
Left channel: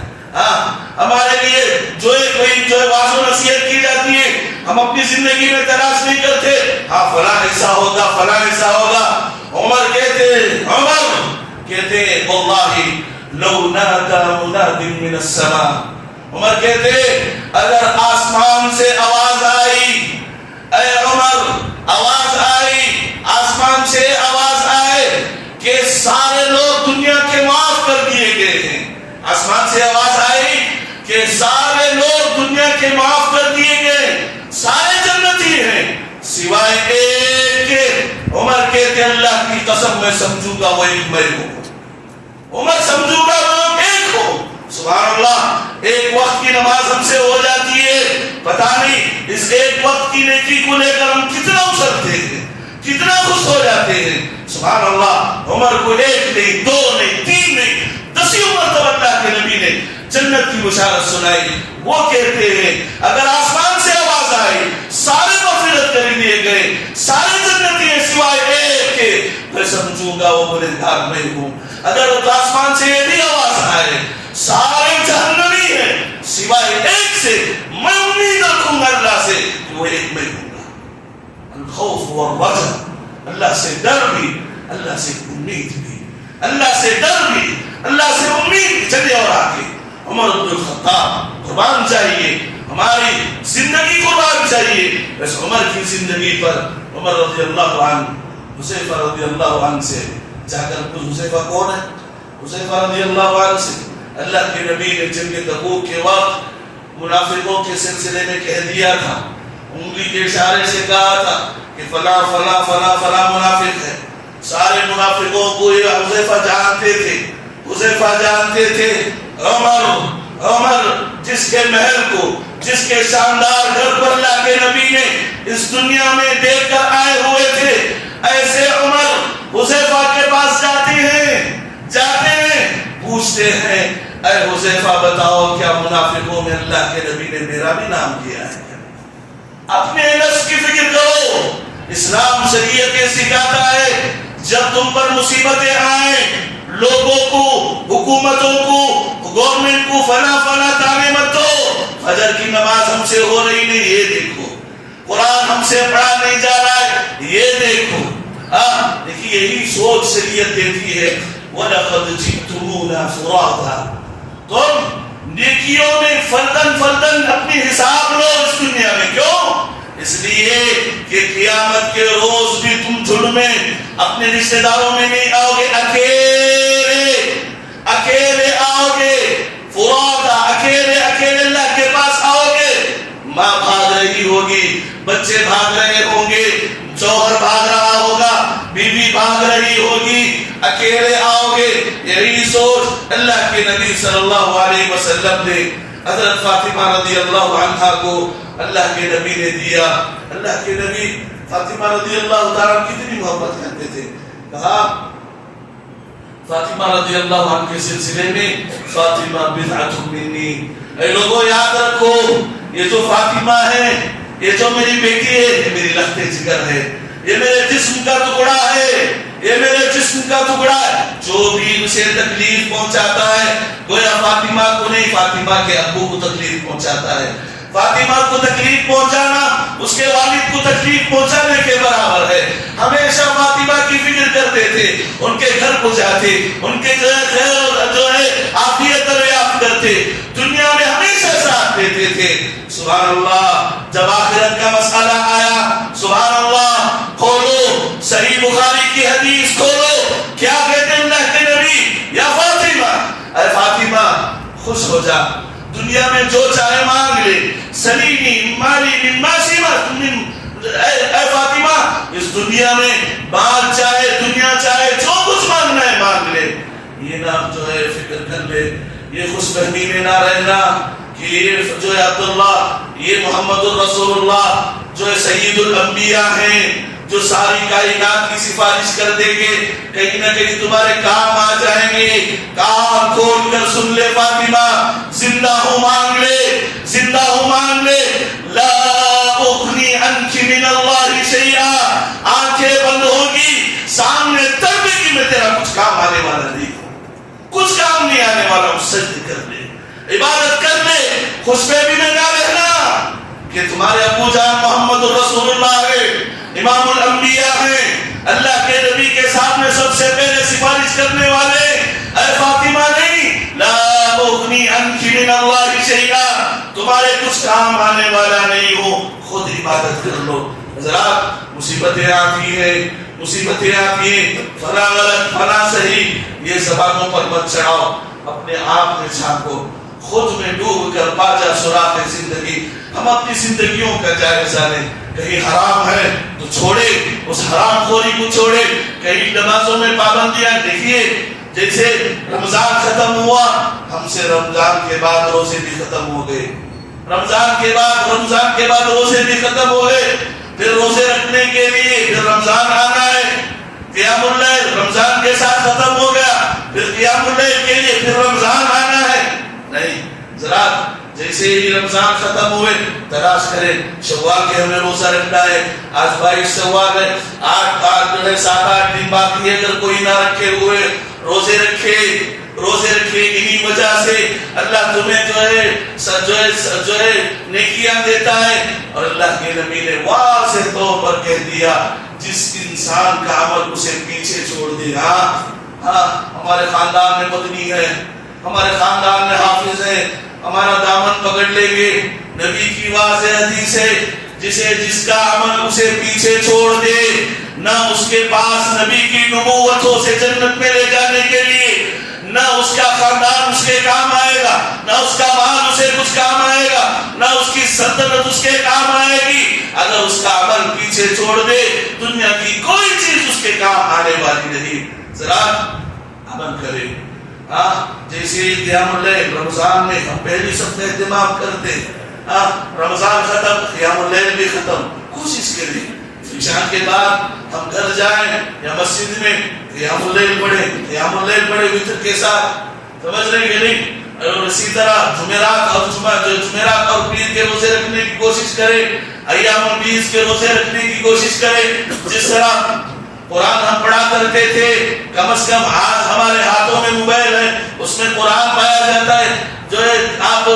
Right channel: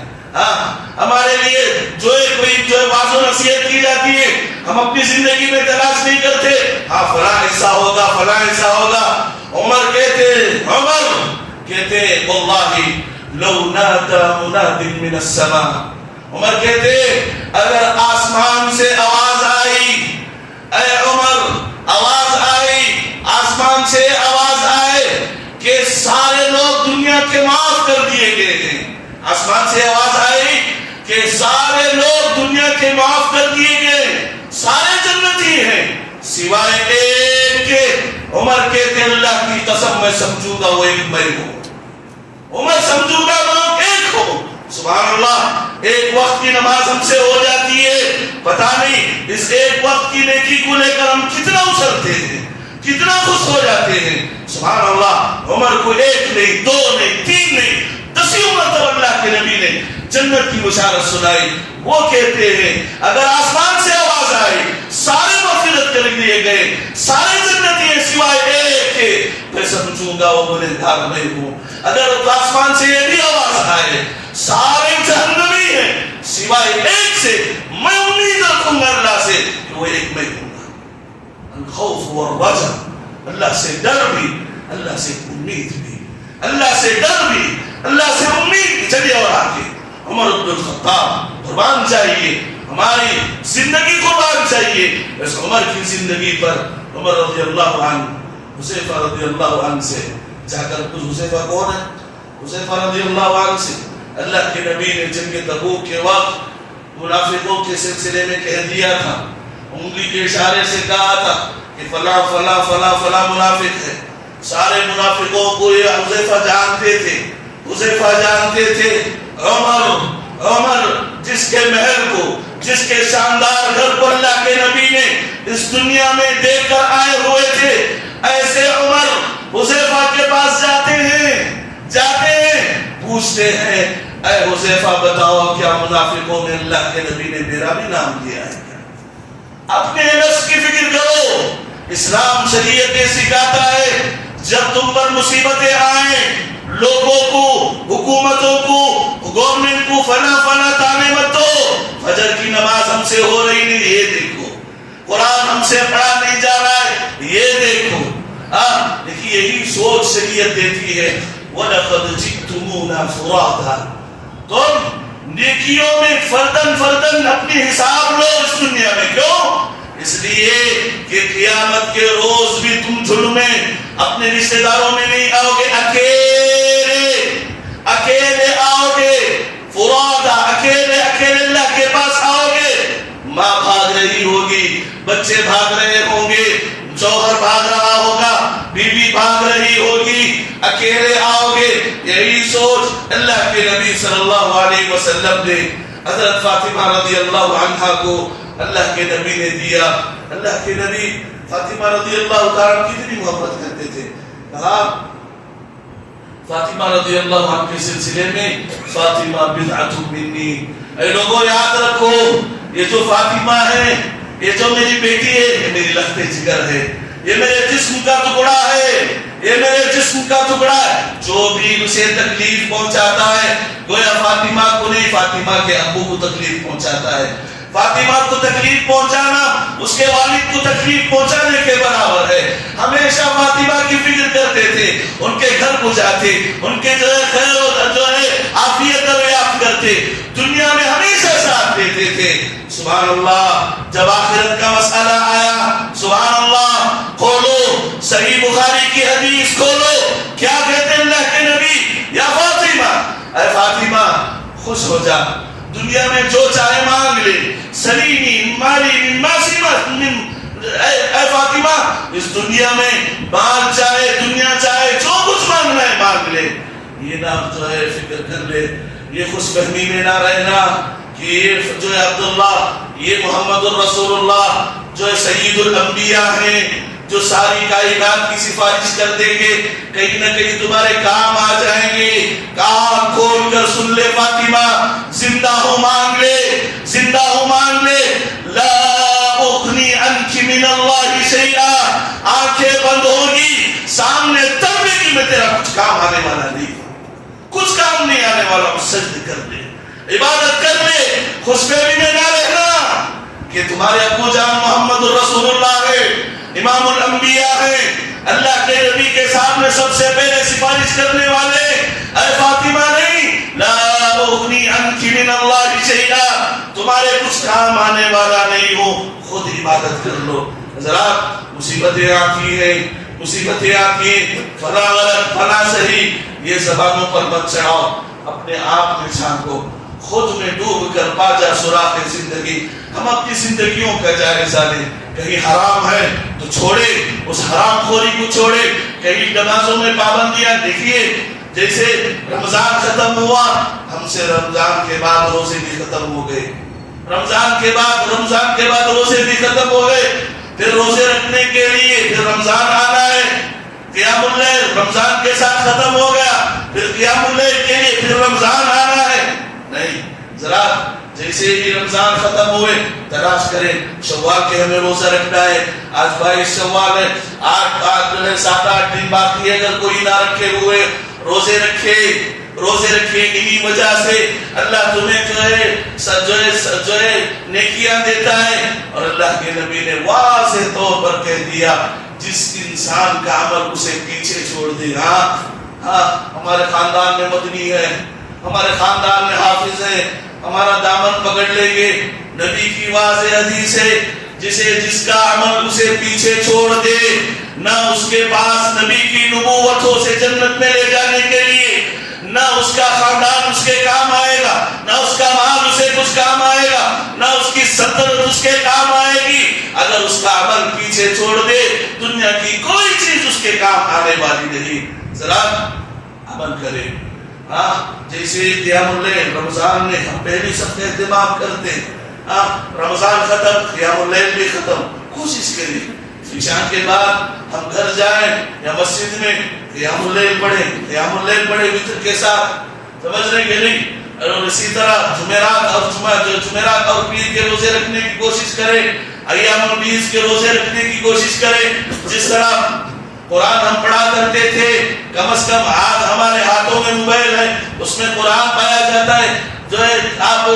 ہمارے لیے جو ہے کوئی جو ہے واضح و نصیحت کی جاتی ہے، ہم اپنی زندگی میں تلاش نہیں کرتے فلاں ایسا ہوگا، فلاں ایسا ہوگا. عمر کہتے واللہ لو نادى مناد من السماء. عمر کہتے اگر آسمان سے آواز آئی، اے عمر آواز آئی، آسمان سے آواز آئے کہ سارے لوگ دنیا کے معاف کر دیے گئے ہیں. آسمان سے آواز آئی کہ سارے لوگ دنیا کے معاف کر دیے گئے, سارے جنتی ہیں سوائے ایک کے. عمر کہتے اللہ کی قسم میں سمجھوں گا وہ ایک میں ہوں. عمر سمجھوں گا وہ لوگ ایک ہو. سبحان اللہ, ایک وقت کی نماز ہم سے ہو جاتی ہے, پتہ نہیں اس ایک وقت کی نیکی کو لے کر ہم کتنا اچھلتے ہیں, کتنا خوش ہو جاتے ہیں. سبحان اللہ, عمر کو ایک نہیں, دو نہیں, تین نہیں, 10 مرتبہ اللہ کے نبی نے جنت کی بشارت سنائی. وہ کہتے ہیں اگر آسمان سے آواز آئی سارے مغفرت کر دیے گئے, سارے جنتی ہیں سوائے ایک کے, میں سمجھوں گا وہ گنہگار میں ہوں. اگر آسمان سے یہ بھی آواز آئے سارے جہنمی ہیں سوائے ایک سے, میں امید رکھوں گا اللہ سے کہ وہ ایک میں ہوں گا. الخوف والرجا, اللہ سے ڈر بھی, اللہ سے امید بھی, اللہ سے ڈر بھی, اللہ سے امید. چلیے اور آگے عمر بن الخطاب قربان چاہیے, ہماری زندگی قربان چاہیے. بس عمر کی زندگی پر عمر رضی اللہ عنہ حذیفہ رضی اللہ عنہ سے جا کر کچھ. حذیفہ کون ہے؟ حذیفہ رضی اللہ عنہ سے اللہ کے نبی نے جنگ تبوک کے وقت منافقوں کے سلسلے میں کہہ دیا تھا, انگلی کے اشارے سے کہا تھا کہ فلاں فلاں فلاں فلاں منافق ہے. سارے منافقوں کو یہ حذیفہ جانتے تھے, حذیفہ جانتے تھے. عمر جس کے محل کو, جس کے شاندار گھر پر اللہ کے نبی نے اس دنیا میں دیکھ کر آئے ہوئے تھے, ایسے عمر حذیفہ کے پاس جاتے ہیں, پوچھتے ہیں اے حذیفہ بتاؤ کیا منافقوں میں اللہ کے نبی نے میرا بھی نام لیا ہے؟ اپنے نفس کی فکر کرو. اسلام شریعت یہ سکھاتا ہے جب تم پر مصیبتیں آئیں لوگوں کو, حکومتوں کو, گورنمنٹ کو فنا فنا تانے مت دو. فجر کی نماز ہم سے ہو رہی نہیں, یہ دیکھو. قرآن ہم سے پڑھا نہیں جا رہا ہے, یہ دیکھو. دیکھیے یہی سوچ شریعت دیتی ہے. وَلَقَدْ جِئْتُمُونَا فُرَادًا, تم نیکیوں میں فردن فردن اپنی حساب لو اس دنیا میں. کیوں؟ اس لیے کہ قیامت کے روز بھی تم جھڑ میں اپنے رشتہ داروں میں نہیں آؤ گے, اکیلے آؤ گے. فرادا, اکیلے اللہ کے پاس آؤ گے. ماں بھاگ رہی ہوگی, بچے بھاگ رہے ہوں گے, شوہر بھاگ رہا ہوگا, بیوی بھاگ رہی ہوگی, اکیلے آؤ گے. یہی سوچ اللہ کے نبی صلی اللہ علیہ وسلم نے حضرت فاطمہ رضی اللہ عنہا کو اللہ کے نبی نے دیا. اللہ کے نبی فاطمہ رضی اللہ تعالیٰ کتنی محبت کرتے تھے. کہا فاطمہ رضی اللہ عنہ کے سلسلے میں فاطمہ بضعۃ منی, اے لوگوں یاد رکھو یہ جو فاطمہ ہے, یہ جو میری بیٹی ہے, یہ میری لخت جگر ہے, یہ میرے جسم کا ٹکڑا ہے, یہ میرے جسم کا ٹکڑا ہے. جو بھی اسے تکلیف پہنچاتا ہے گویا فاطمہ کو نہیں, فاطمہ کے ابو کو تکلیف پہنچاتا ہے. فاطمہ کو تکلیف پہنچانا اس کے والد کو تکلیف پہنچانے کے برابر ہے. ہمیشہ فاطمہ کی فکر کرتے تھے, ان کے گھر کو جاتے, ان کے خیر عافیت دریافت کرتے, دنیا میں ہمیشہ ساتھ دیتے تھے. سبحان اللہ, جب آخرت کا مسئلہ آیا, سبحان اللہ, کھولو صحیح بخاری کی حدیث کھولو, کیا کہتے ہیں اللہ کے نبی, یا فاطمہ, اے فاطمہ خوش ہو جا, دنیا میں جو چاہے مانگ لے, سلینی مالی من ماسمت, اے فاطمہ اس دنیا میں مال چاہے, دنیا چاہے, جو کچھ مانگنا ہے مانگ لے. یہ نہ جو ہے فکر کر لے, یہ خوش فہمی میں نہ رہنا کہ یہ جو ہے عبداللہ, یہ محمد الرسول اللہ جو ہے سید الانبیاء ہیں, جو ساری کائنات کی سفارش کر دیں گے, کہیں نہ کہیں تمہارے کام آ جائیں گے. کان کھول کر سن لے فاطمہ, زندہ ہوں مانگ لے, زندہ ہوں مانگ لے. لا اغنی عنک من اللہ شیئا, آنکھیں بند ہوگی سامنے تب بھی کہ میں تیرا کچھ کام آنے والا نہیں, کچھ کام نہیں آنے والا. سجد کر لے, عبادت کر لے, خوش فہمی میں نہ رہنا کہ تمہارے ابو جان محمد الرسول اللہ ہے, امام الانبیاء ہیں, اللہ کے نبی کے سامنے سب سے پہلے سفارش کرنے والے. اے فاطمہ نہیں, لا اغنی عنک من اللہ شیئا, تمہارے کچھ کام آنے والا نہیں ہو, خود عبادت کر لو. حضرات مصیبتیں آتی ہیں, مصیبتیں آتی ہیں، فلاں غلط فلاں صحیح، یہ زبانوں پر مت چڑھاؤ، اپنے آپ میں جھانکو، خود میں ڈوب کر پا جا سراغ زندگی۔ ہم اپنی زندگیوں کا جائزہ لیں، کہیں حرام ہے تو چھوڑے، اس حرام خوری کو چھوڑے، کہیں نمازوں میں پابندیاں، دیکھیے جیسے رمضان ختم ہوا، ہم سے رمضان کے بعد روزے بھی ختم ہو گئے، رمضان کے بعد روزے بھی ختم ہو گئے، پھر روزے رکھنے کے لیے پھر رمضان آنا ہے، قیام اللیل رمضان کے ساتھ ختم ہو گیا، پھر قیام اللیل کے لیے پھر رمضان آنا ہے۔ نہیں، ذرا جیسے ہی رمضان ختم ہوئے تلاش کریں شوال کے ہمیں روزہ رکھنا ہے، آج 22 شوال ہے، 7-8 دن باقی ہے، اگر کوئی نہ رکھے ہوئے روزے رکھے انہی وجہ سے اللہ تمہیں جو ہے نیکیاں دیتا ہے۔ اور اللہ کے نبی نے واضح طور پر کہہ دیا جس انسان کا عمل اسے پیچھے چھوڑ دے، ہاں ہمارے خاندان میں مدنی ہے، ہمارے خاندان میں حافظ ہے، ہمارا دامن پکڑ لیں گے، نبی کی واضح حدیث ہے جس کا عمل اسے پیچھے چھوڑ دے، نہ اس کے پاس نبی کی نبوت ہو سے جنت میں لے جانے کے لیے، نہ اس کا خاندان اس کے کام آئے گا، نہ اس کا مال اسے کچھ کام آئے گا، نہ اس کی سلطنت اس کے کام آئے گی، اگر اس کا عمل پیچھے چھوڑ دے دنیا کی کوئی چیز اس کے کام آنے والی نہیں۔ ذرا عمل کرے، جیسے قیام اللیل رمضان میں ہم پہلی سب کا اہتمام کرتے، رمضان ختم قیام اللیل بھی ختم، کوشش کریں عشاء کے بعد ہم گھر جائیں یا مسجد میں قیام اللیل پڑھیں وتر کے ساتھ، سمجھ رہے کہ نہیں؟ اور اسی طرح جمعرات اور پیر کے روزے رکھنے کی کوشش کریں، ایام البیض کے روزے رکھنے کی کوشش کریں، جس طرح قرآن ہم پڑھا کرتے تھے، کم از کم آج ہمارے ہاتھوں میں موبائل ہے، اس میں قرآن پایا جاتا ہے، آپ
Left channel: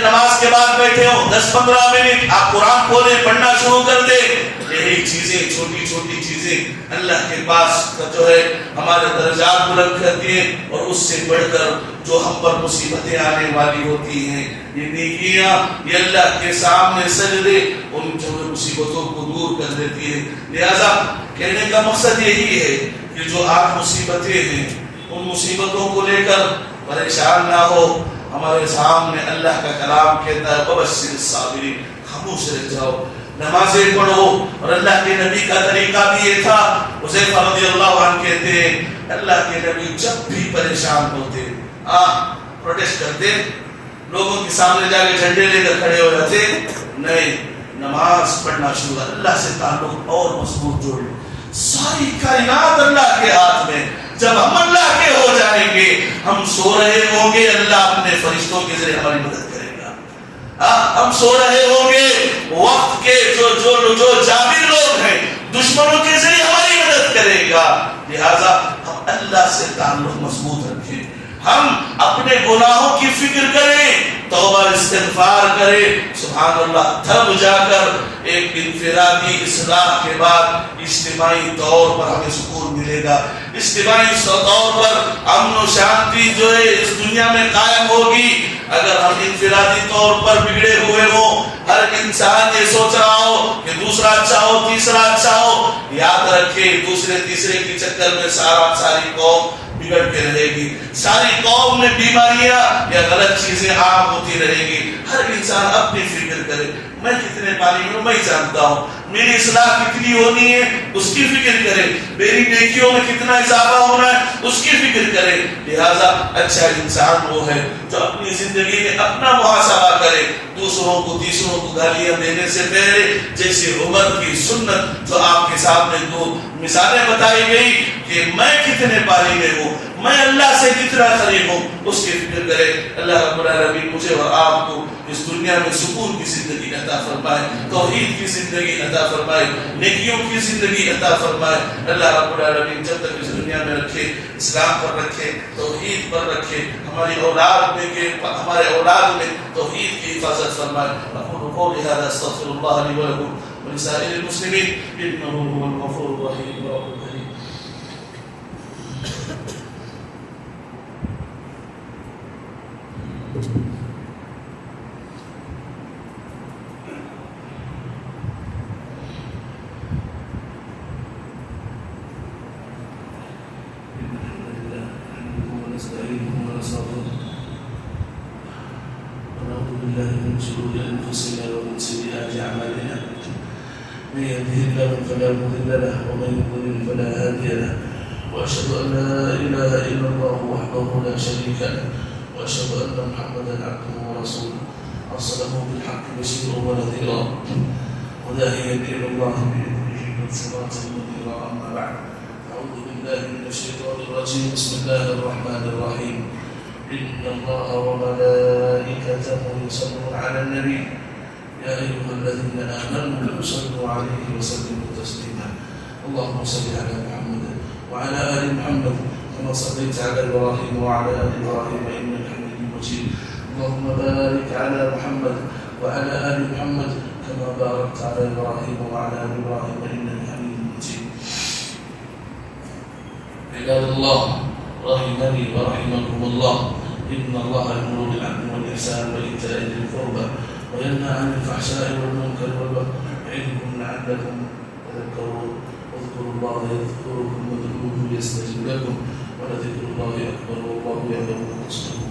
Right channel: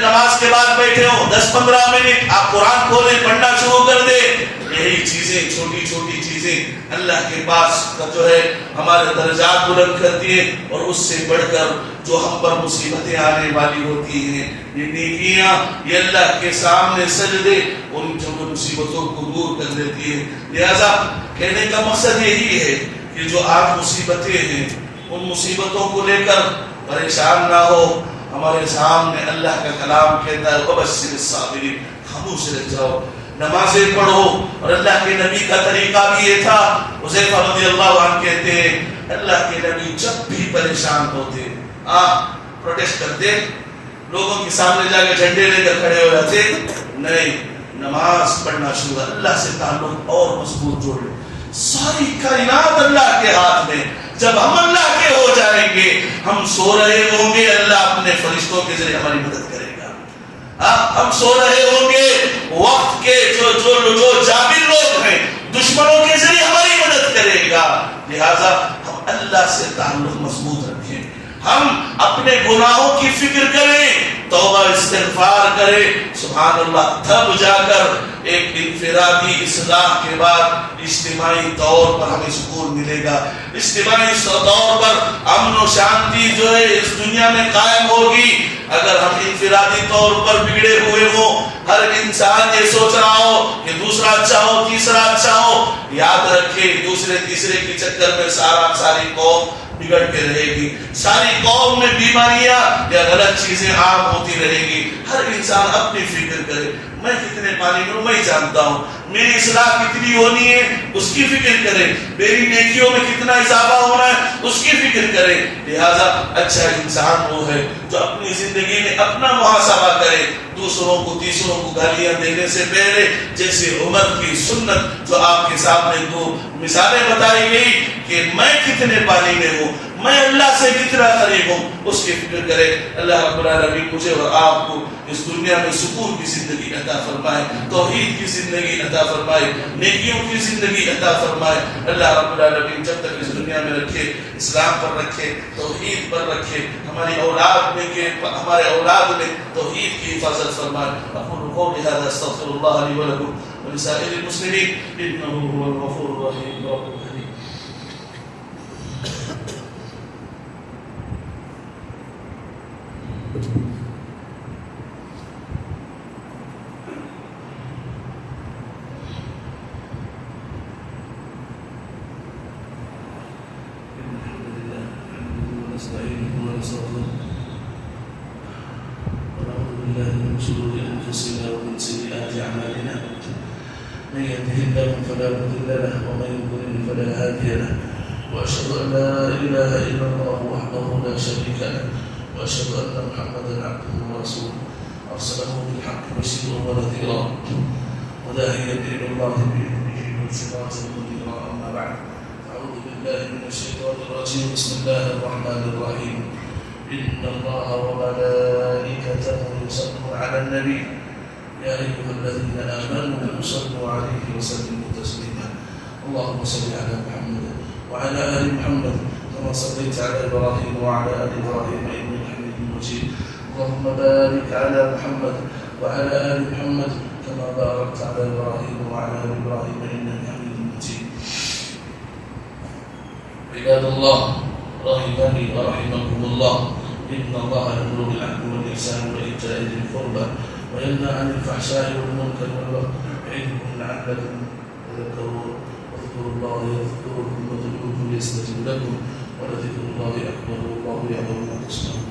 نماز کے بعد بیٹھے ہو 10-15 منٹ آپ قرآن کھولیں، پڑھنا شروع کر دیں، یہی چیزیں چھوٹی چھوٹی چیزیں اللہ کے پاس جو ہے ہمارے درجات بلند کرتی ہیں، اور اس سے بڑھ کر جو ہم پر مصیبتیں آنے والی ہوتی ہیں، یہ نیکیاں، یہ اللہ کے سامنے سجدے ان مصیبتوں کو دور کر دیتی ہے۔ لہذا کہنے کا مقصد یہی ہے کہ جو آج مصیبتیں ہیں ان مصیبتوں کو لے کر پریشان نہ ہو، ہمارے سامنے اللہ کا کلام کہتا ہے وَبَشِّرِ الصَّابِرِينَ، خاموش رہ جاؤ، نمازیں پڑھو۔ اور اللہ کے نبی کا طریقہ بھی یہ تھا، حذیفہ رضی اللہ عنہ کہتے ہیں اللہ کے نبی جب بھی پریشان ہوتے پروٹیسٹ کرتے، لوگوں کے سامنے جا کے جھنڈے لے کر کھڑے ہو جاتے، نہیں، نماز پڑھنا شروع، اللہ سے تعلق اور مضبوط جوڑ لو۔ ساری کائنات اللہ کے ہاتھ میں، جب ہم اللہ کے ہو جائیں گے، ہم سو رہے ہوں گے اللہ اپنے فرشتوں کے ذریعے ہماری مدد کرے گا، ہم سو رہے ہوں گے وقت کے جو جابر لوگ ہیں دشمنوں کے ذریعے ہماری مدد کرے گا۔ لہذا ہم اللہ سے تعلق مضبوط رکھیں، ہم اپنے گناہوں کی فکر کریں، توبہ استغفار کریں، سبحان اللہ، تب جا کر ایک انفرادی اصلاح کے بعد اجتماعی طور پر ہمیں سکون ملے گا، اجتماعی طور پر امن و شانتی جو ہے اس دنیا میں قائم ہوگی۔ اگر ہم انفرادی طور پر بگڑے ہوئے ہوں، ہر انسان یہ سوچ رہا ہو کہ دوسرا اچھا ہو، تیسرا اچھا ہو، یاد رکھے دوسرے تیسرے کی چکر میں ساری قوم بگڑ کے رہے گی، ساری قوم میں بیماریاں یا غلط چیزیں عام ہوتی رہے گی۔ ہر انسان اپنی فکر کرے، میں کتنے پانی میں ہوں میں جانتا ہوں، میری اصلاح کتنی ہونی ہے اس کی فکر کرے، میری نیکیوں میں کتنا اضافہ ہونا ہے اس کی فکر کرے۔ لہذا اچھا انسان وہ ہے جو اپنی زندگی میں اپنا محاسبہ کرے، دوسروں کو تیسروں کو گالیاں دینے سے پہلے جیسے عمر کی سنت جو آپ کے سامنے دو مثالیں بتائی گئی کہ میں کتنے پانی میں ہوں، میں اللہ سے کتنا قریب ہوں، اس کی فکر کرے۔ اللہ رب العالمین مجھے اور آپ کو اس دنیا میں سکون کی زندگی عطا فرمائے، توحید کی زندگی عطا فرمائے، نیکیوں کی زندگی عطا فرمائے۔ اللہ رب العالمین جب تک اس دنیا میں رکھے، اسلام پر رکھے، توحید پر رکھے، ہماری اولاد میں توحید کی حفاظت فرمائے۔ اقول قولی ھذا استغفر اللہ لی ولکم ولسائر المسلمین انہ هو الغفور الرحیم رب الکریم۔ شرور أنفسنا ومن سيئات أعمالنا من يهده الله فلا مضل له ومن يضلل فلا هادي له وأشهد أن لا إله إلا الله وحده لا شريك له وأشهد أن محمدا عبده ورسوله أرسله بالحق بشيرا ونذيرا وداعيا إلى الله بإذنه وسراجا منيرا أما بعد أعوذ بالله من الشيطان الرجيم بسم الله الرحمن الرحيم إن الله وملائكته يصلون على النبي يا أيها الذين آمنوا صلوا عليه وسلموا تسليما اللهم صل على محمد وعلى آل محمد كما صليت على إبراهيم وعلى آل إبراهيم إنك حميد مجيد اللهم بارك على محمد وعلى آل محمد كما باركت على إبراهيم وعلى آل إبراهيم إنك حميد مجيد عباد الله رحمني ورحمكم الله إن الله يأمر بالعدل والإحسان وإيتاء ذي القربى وينهى عن الفحشاء والمنكر والبغي يعظكم لعلكم تذكرون واذكروا الله يذكركم وادعوه يستجب لكم ولذكر الله أكبر والله يعلم ما تصنعون